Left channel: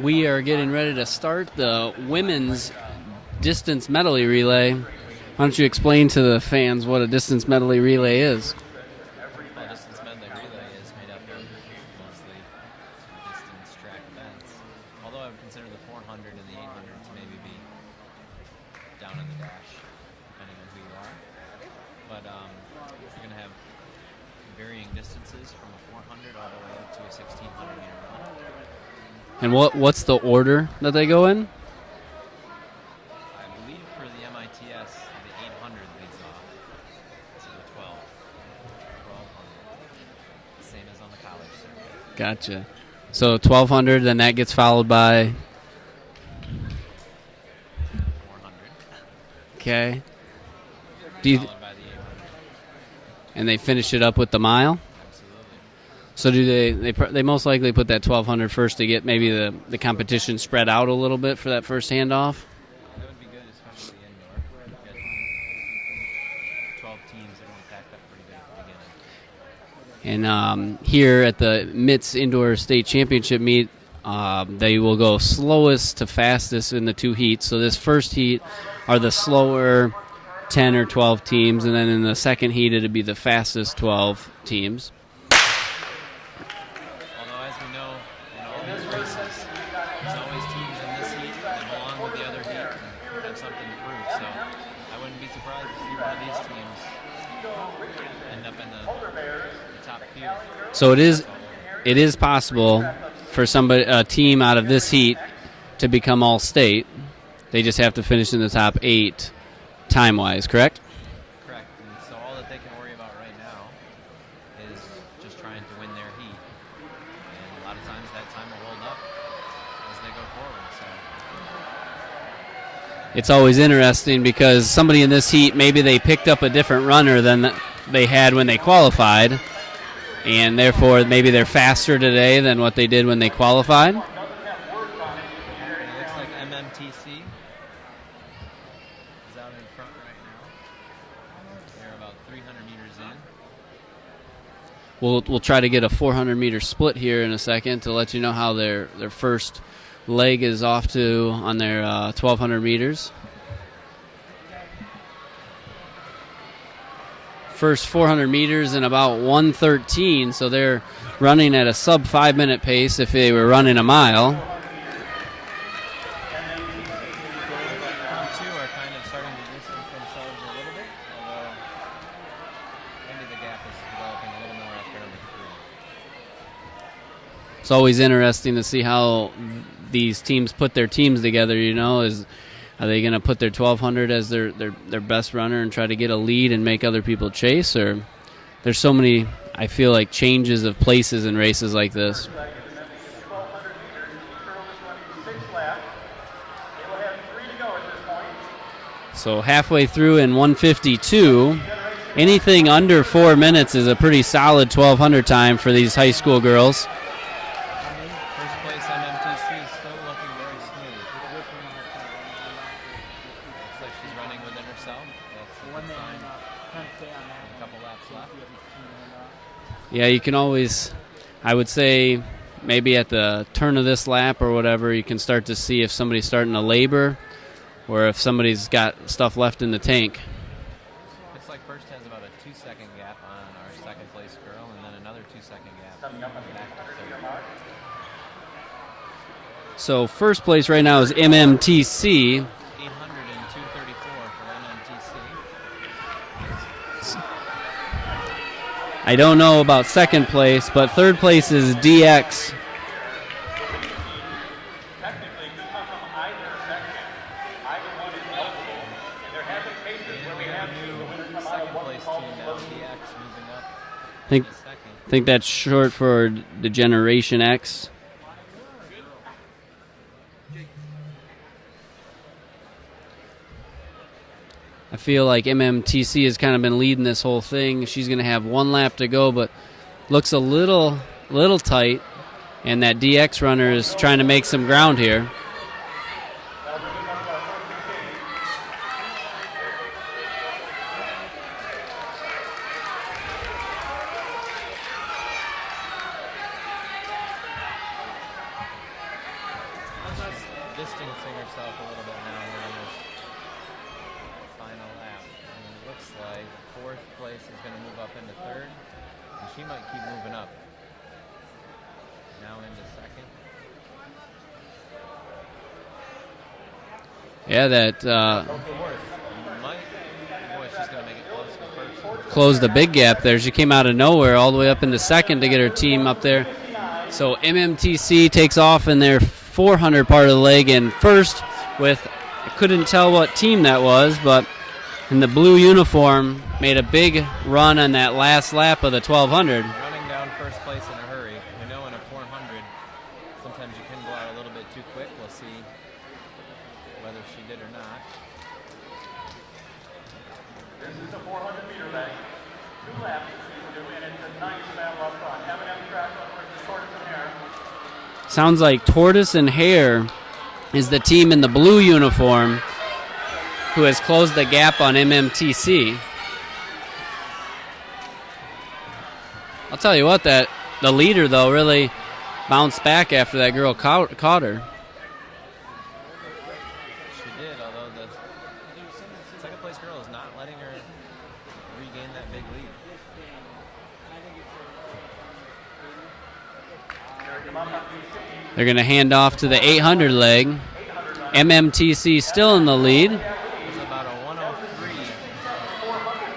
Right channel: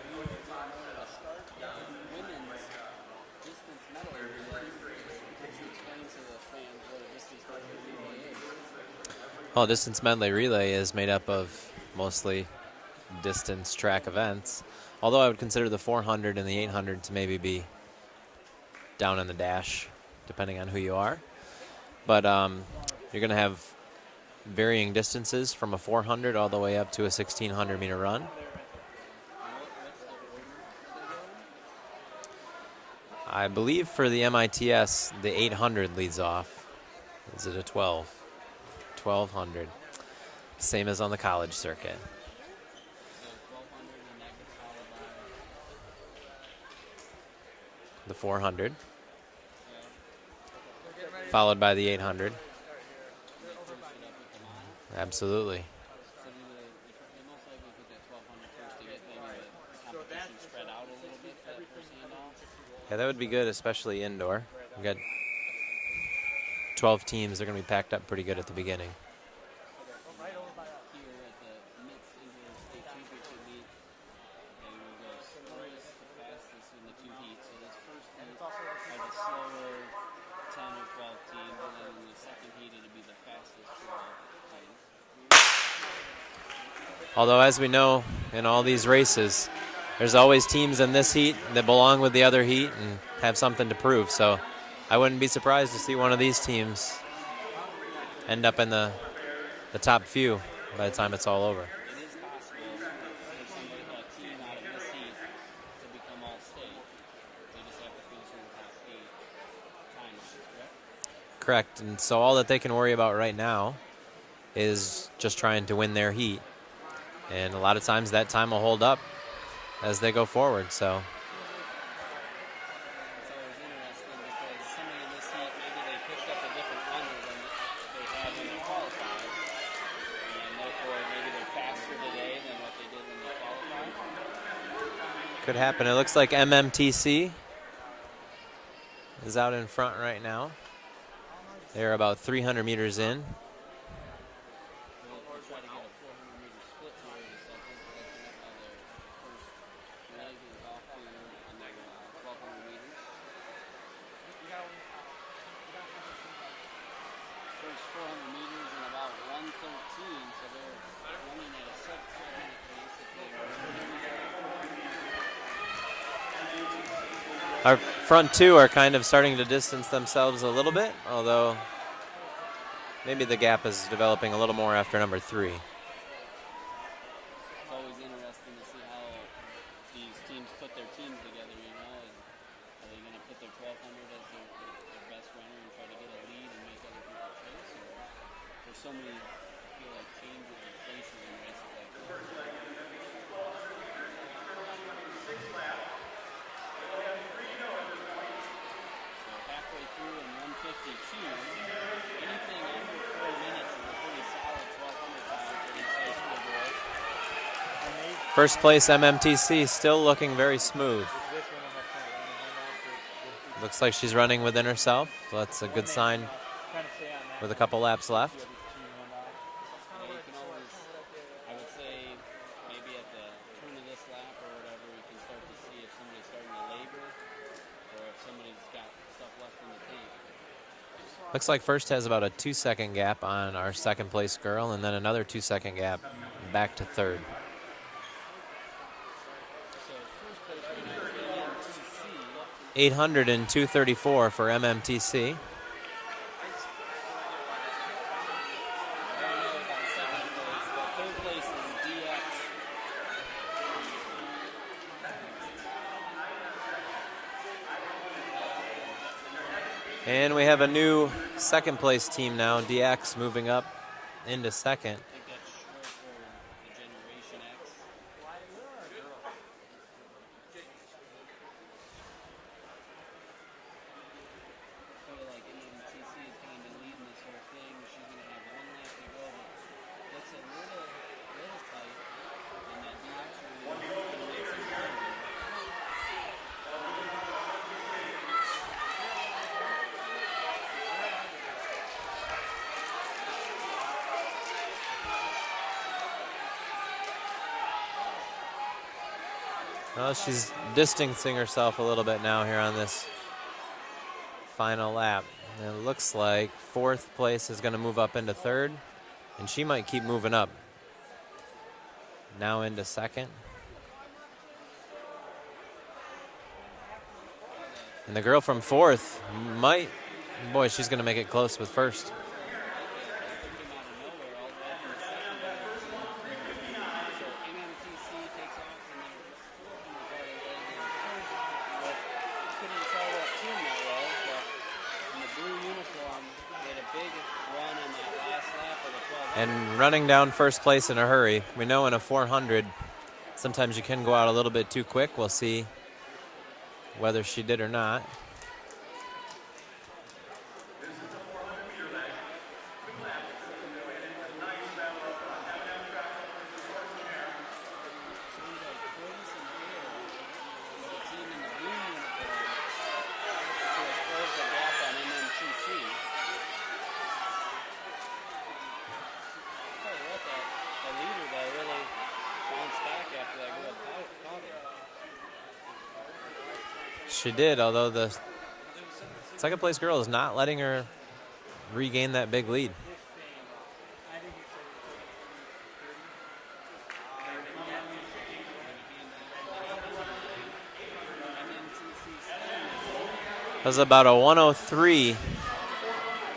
We are getting ready to start the women's distance medley relay. Why don't you explain to the fans what a distance medley relay is? Well, distance medley relay is made up of mostly distance track events, although I would consider the 400 and the 800 to maybe be down in the dash, depending on who you are. But you're going to have varying distances from a 400 all the way up to a 1,600-meter run. And what's the order that they go in? I believe for the MITS, the 800 leads off. Is it a 12? 1,200. Same as on the college circuit. Gotcha. So 1,200, then that gets followed by? The 400. Okay. Followed by the 800. And they finish it up with the mile? Absolutely. So do they most likely put that 1,200 first to get maybe the competition spread out a little bit for that first handoff? Yeah, that would be good, especially indoor. We've got 12 teams. They're going to be packed up pretty good at the beginning. And here at the MITS Indoor State Championship meet, they will go slowest to fastest in the two heats. So this first heat are the slower 10 or 12 teams, and then in the second heat it'll be the fastest 12 teams. Although, as we know, in all these races, there's always teams in this heat that belong with the other heat and have something to prove. So I wouldn't be surprised to see one of these teams end up in the top few. So it's all over. It is possible for a team out of this heat to become all-state. They just have to finish in the top 8 time-wise, correct? Correct. And so all that they can worry about right now is just trying to win their heat. And a lot of times that time will hold up as they go forward. So it's always interesting because somebody in this heat, maybe they picked up a different runner than they had when they qualified, and therefore maybe they're faster today than what they did when they qualified. Could happen. It looks like MMTC is out in front right now. They're about 300 meters in. We'll try to get a 400-meter split here in a second to let you know how their first leg is off to on their 1,200 meters. First 400 meters in about 1:13, so they're running at a sub 5-minute pace if they were running a mile. Our front two are kind of starting to distance themselves a little bit, although maybe the gap is developing a little more after number 3. It's always interesting to see how these teams put their teams together, are they going to put their 1,200 as their best runner and try to get a lead and make other people chase? Or there's so many, I feel like, changes of places in races like this. So halfway through in 1:52, anything under 4 minutes is a pretty solid 1,200 time for these high school girls. First place MMTC still looking very smooth. Looks like she's running within herself. That's a good sign with a couple laps left. Yeah, you can always, I would say, maybe at the turn of this lap or whatever, you can start to see if somebody's starting to labor or if somebody's got stuff left in the tank. Looks like first has about a 2-second gap on our second place girl, and then another 2-second gap back to third. So first place right now is MMTC. 800 and 234 for MMTC. I don't know about second place, but third place is DX. And we have a new second place team now, DX moving up into second. I think that's short for the Generation X. I feel like MMTC has kind of been leading this whole thing. She's going to have 1 lap to go, but looks a little tight. And that DX runner is trying to make some ground here. Well, she's distancing herself a little bit now here on this final lap. And it looks like fourth place is going to move up into third, and she might keep moving up. Now into second. Yeah, that the girl from fourth might. Boy, she's going to make it close with first. Closed the big gap there. She came out of nowhere all the way up into second to get her team up there. So MMTC takes off in their 400 part of the leg in first with, I couldn't tell what team that was, but in the blue uniform made a big run on that last lap of the 1200. And running down first place in a hurry. We know in a 400, sometimes you can go out a little bit too quick. We'll see whether she did or not. This is the 400-meter leg. 2 laps to do, and it's a nice lap up front. Have an end track for the Tortoise and Hare. Sounds like Tortoise and Hare is the team in the blue uniform who has closed the gap on MMTC. I'll tell you what, that the leader, though, really bounced back after that girl caught her. She did, although the second place girl is not letting her regain that big lead. They're going to hand off to the 800 leg. MMTC still in the lead. It was about a 103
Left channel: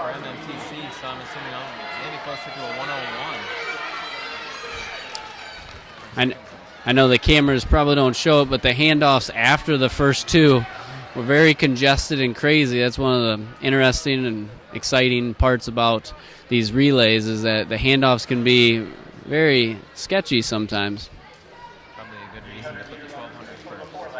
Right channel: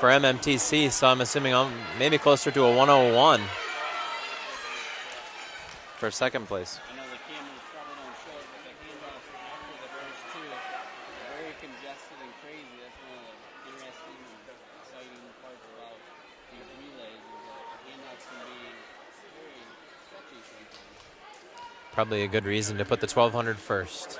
for MMTC, so I'm assuming maybe closer to a 101 for second place. I know the cameras probably don't show it, but the handoffs after the first two were very congested and crazy. That's one of the interesting and exciting parts about these relays, is that the handoffs can be very sketchy sometimes. Probably a good reason to put the 1200 first.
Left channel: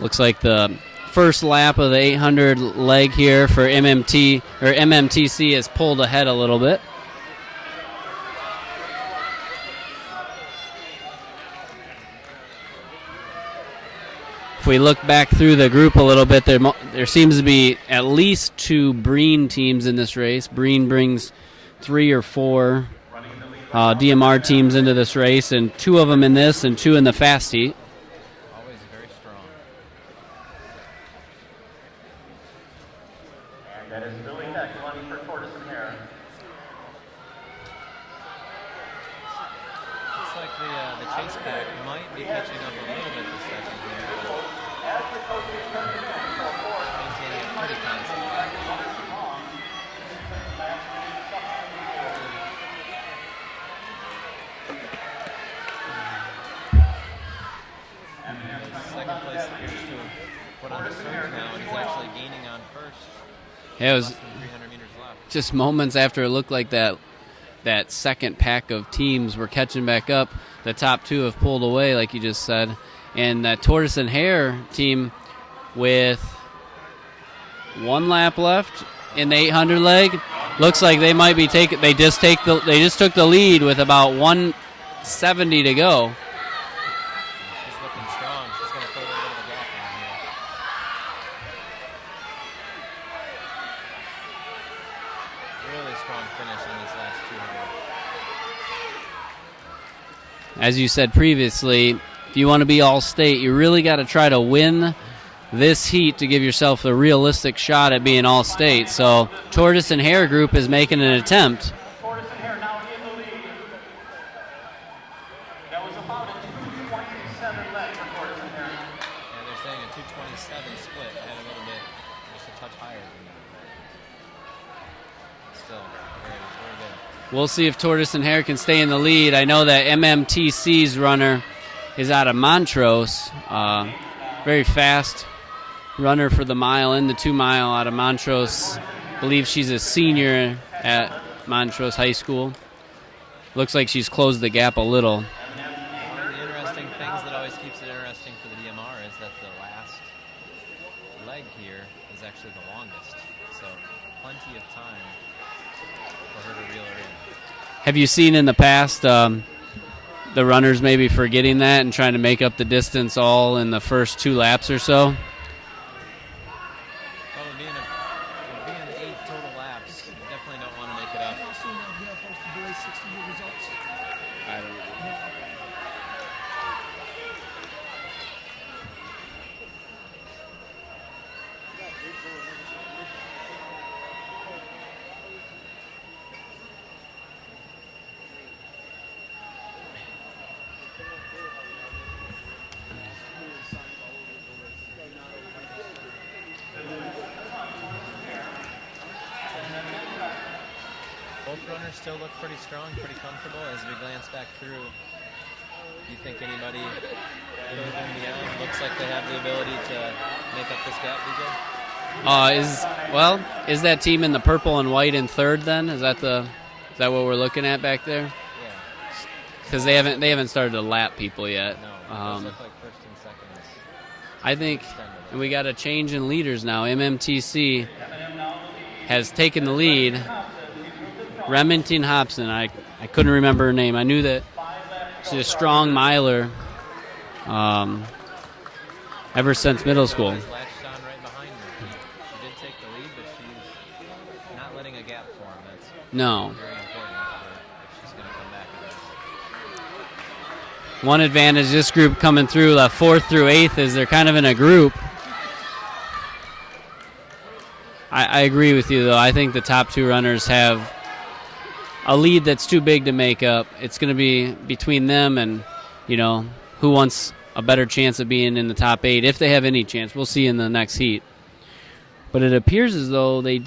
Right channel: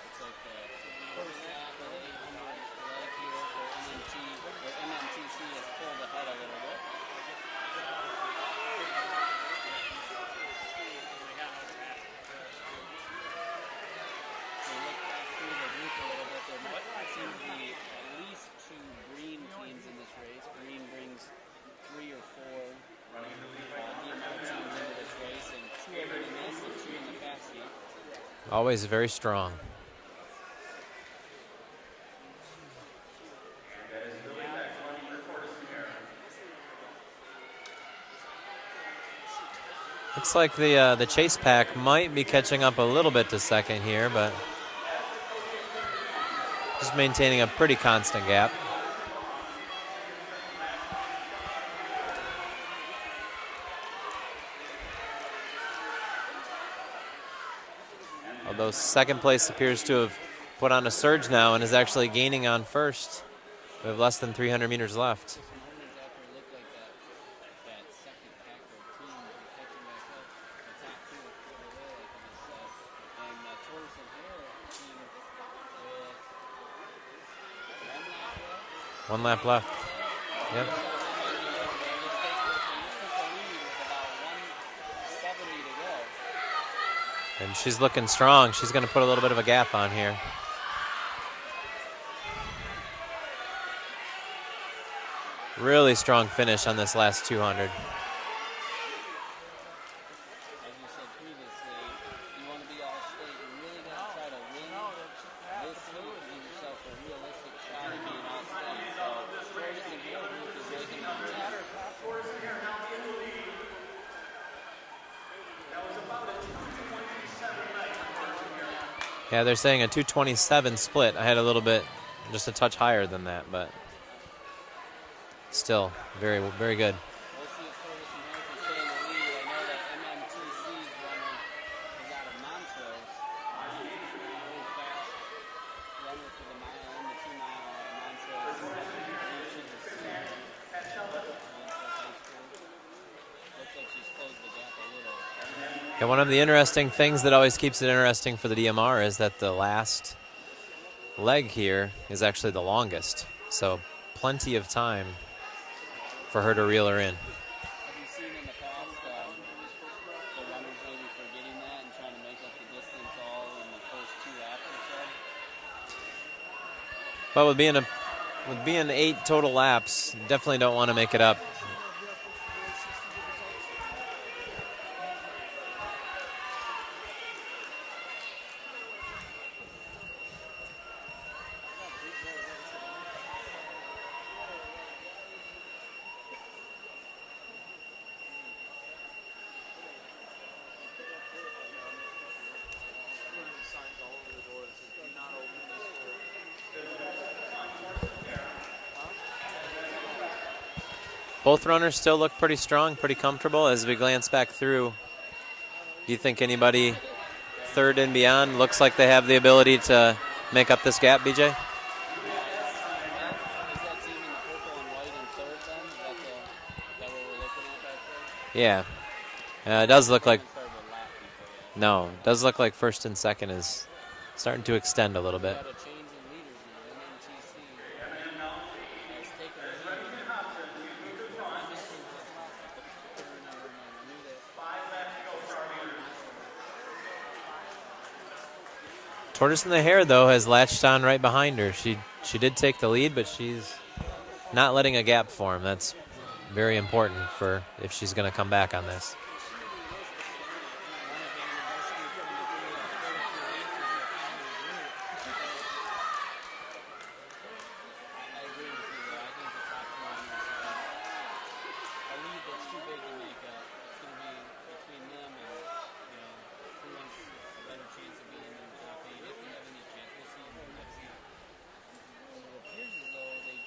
Looks like the first lap of the 800 leg here for MMTC has pulled ahead a little bit. If we look back through the group a little bit, there seems to be at least 2 Breen teams in this race. Breen brings 3 or 4 DMR teams into this race, and 2 of them in this and 2 in the fast heat. Always very strong. And that is really excellent for Tortoise and Hare. Looks like the chase pack might be catching up a little bit to second here, but just maintaining a pretty constant gap. Although second place appears to have put on a surge now and is actually gaining on first. Yeah, it was less than 300 meters left. just moments after it looked like that second pack of teams were catching back up. The top 2 have pulled away, like you just said. And that Tortoise and Hare team with 1 lap left in the 800 leg. Looks like they might be taking. They just took the lead with about 170 to go. And she's looking strong. She's going to put a little bit of a gap on here. Really strong finish on this last 200. As you said previously, if you want to be all-state, you really got to try to win this heat to give yourself a realistic shot at being all-state. So Tortoise and Hare group is making an attempt. Tortoise and Hare now in the lead. That was about a 227 leg for Tortoise and Hare. Yeah, they're saying a 227 split. I had a little bit, just a touch higher than that, but still very, very good. We'll see if Tortoise and Hare can stay in the lead. I know that MMTC's runner is out of Montrose. Very fast runner for the mile and the 2 mile out of Montrose. I believe she's a senior at Montrose High School. Looks like she's closed the gap a little. And one of the interesting things that always keeps it interesting for the DMR is that the last leg here is actually the longest. So plenty of time for her to reel her in. Have you seen in the past the runners maybe forgetting that and trying to make up the distance all in the first 2 laps or so? But with being 8 total laps, definitely don't want to make it up Both runners still look pretty strong, pretty comfortable. As we glance back through, do you think anybody third and beyond looks like they have the ability to make up this gap, BJ? Is that team in the purple and white in third then? Is that what we're looking at back there? Yeah. Because they haven't started to lap people yet. No, it does look like first and second is starting to extend a little bit. We got a change in leaders now. MMTC has taken the lead. Remington Hobson, I couldn't remember her name. I knew that she's a strong miler. Ever since middle school, has latched on right behind her. She did take the lead, but she's not letting a gap form. That's very important for if she's going to come back on this. One advantage this group coming through, 4th through 8th, is they're kind of in a group. I agree with you, though. I think the top two runners have a lead that's too big to make up. It's going to be between them and, who wants a better chance of being in the top 8, if they have any chance. We'll see in the next heat. But it appears as though they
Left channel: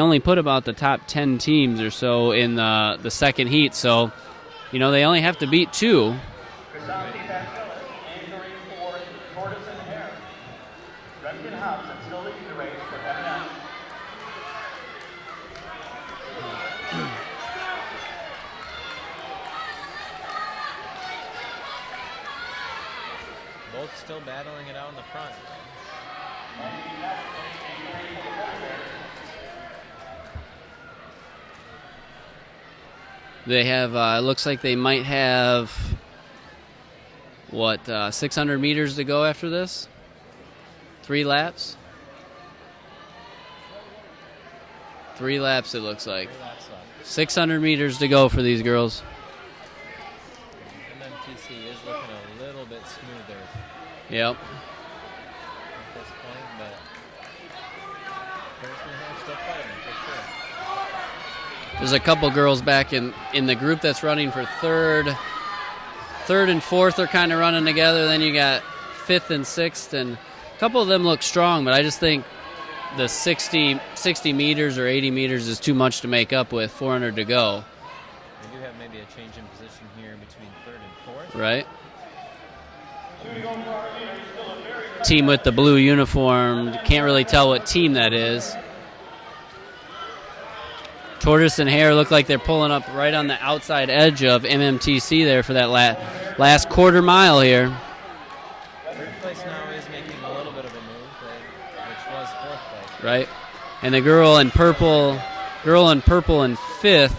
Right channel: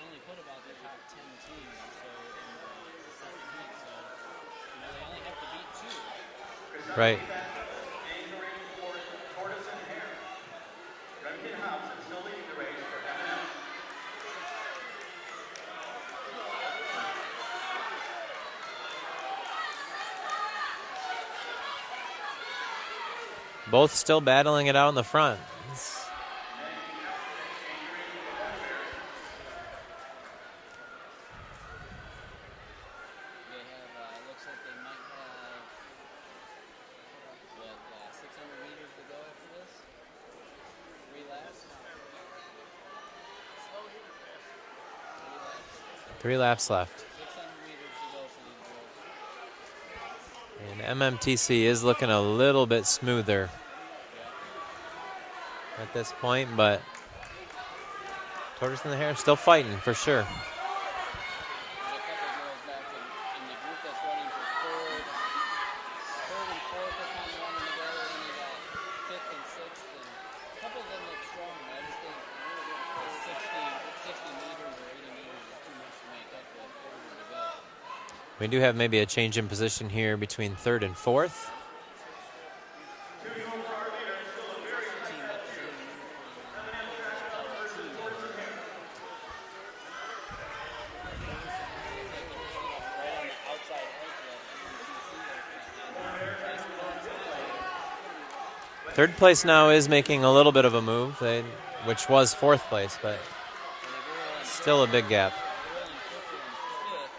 only put about the top 10 teams or so in the second heat. So, they only have to beat 2. Right. Both still battling it out in the front. They have, it looks like they might have, 600 meters to go after this? 3 laps? 3 laps, it looks like. 3 laps left. 600 meters to go for these girls. And MMTC is looking a little bit smoother. Yep. At this point, but Tortoise in the Hair still fighting for sure. There's a couple girls back in the group that's running for third. Third and fourth are kind of running together. Then you got 5th and 6th, and a couple of them look strong, but I just think the 60 meters or 80 meters is too much to make up with 400 to go. We do have maybe a change in position here between 3rd and 4th. Right. Team with the blue uniform, can't really tell what team that is. Tortoise and Hare look like they're pulling up right on the outside edge of MMTC there for that last quarter mile here. 3rd place now is making a little bit of a move, which was 4th place. Right. And the girl in purple in 5th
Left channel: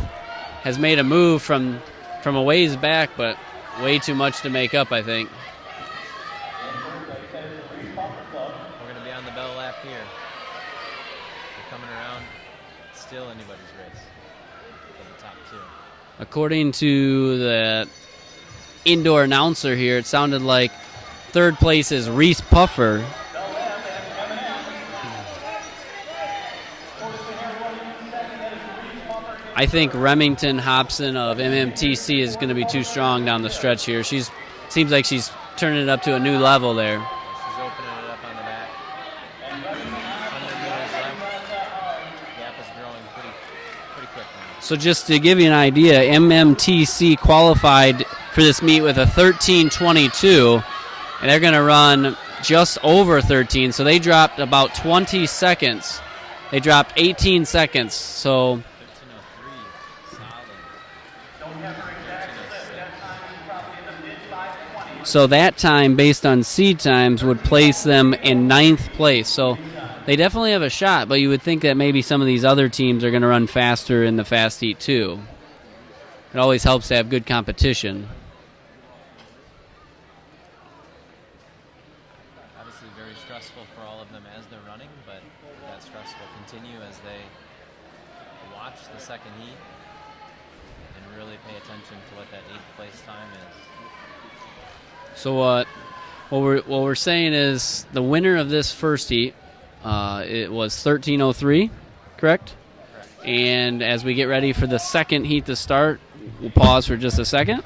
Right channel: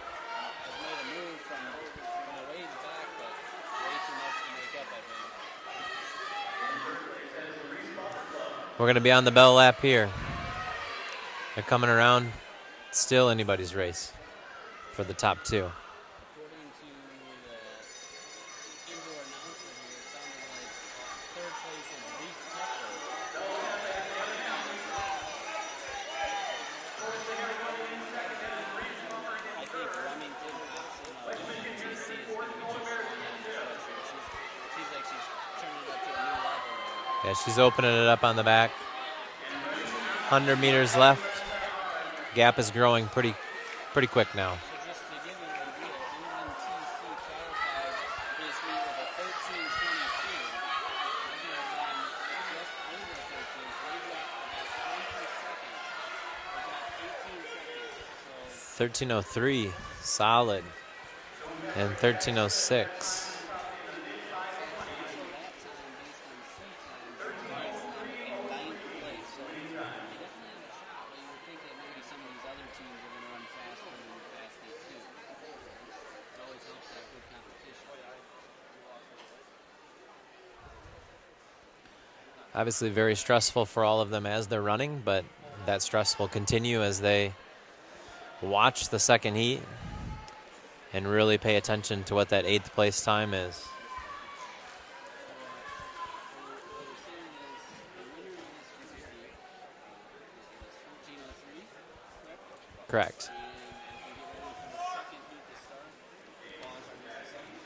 has made a move from a ways back, but way too much to make up, I think. We're going to be on the bell lap here. They're coming around. Still anybody's race for the top 2. According to the indoor announcer here, it sounded like 3rd place is Reese Puffer. I think Remington Hobson of MMTC is going to be too strong down the stretch here. Seems like she's turning it up to a new level there. Yeah, she's opening it up on the back. 100 meters left. Gap is growing pretty quick now. So just to give you an idea, MMTC qualified for this meet with a 13:22, and they're going to run just over 13, so they dropped about 20 seconds. They dropped 18 seconds, so 13:03, solid, and 13:06. So that time, based on seed times, would place them in 9th place. So they definitely have a shot, but you would think that maybe some of these other teams are going to run faster in the fast heat too. It always helps to have good competition. Obviously very stressful for all of them as they're running, but that stress will continue as they watch the second heat and really pay attention to what that 8th place time is. So what we're saying is the winner of this first heat, it was 13:03, correct? Correct. And as we get ready for the second heat to start, we'll pause for just a second.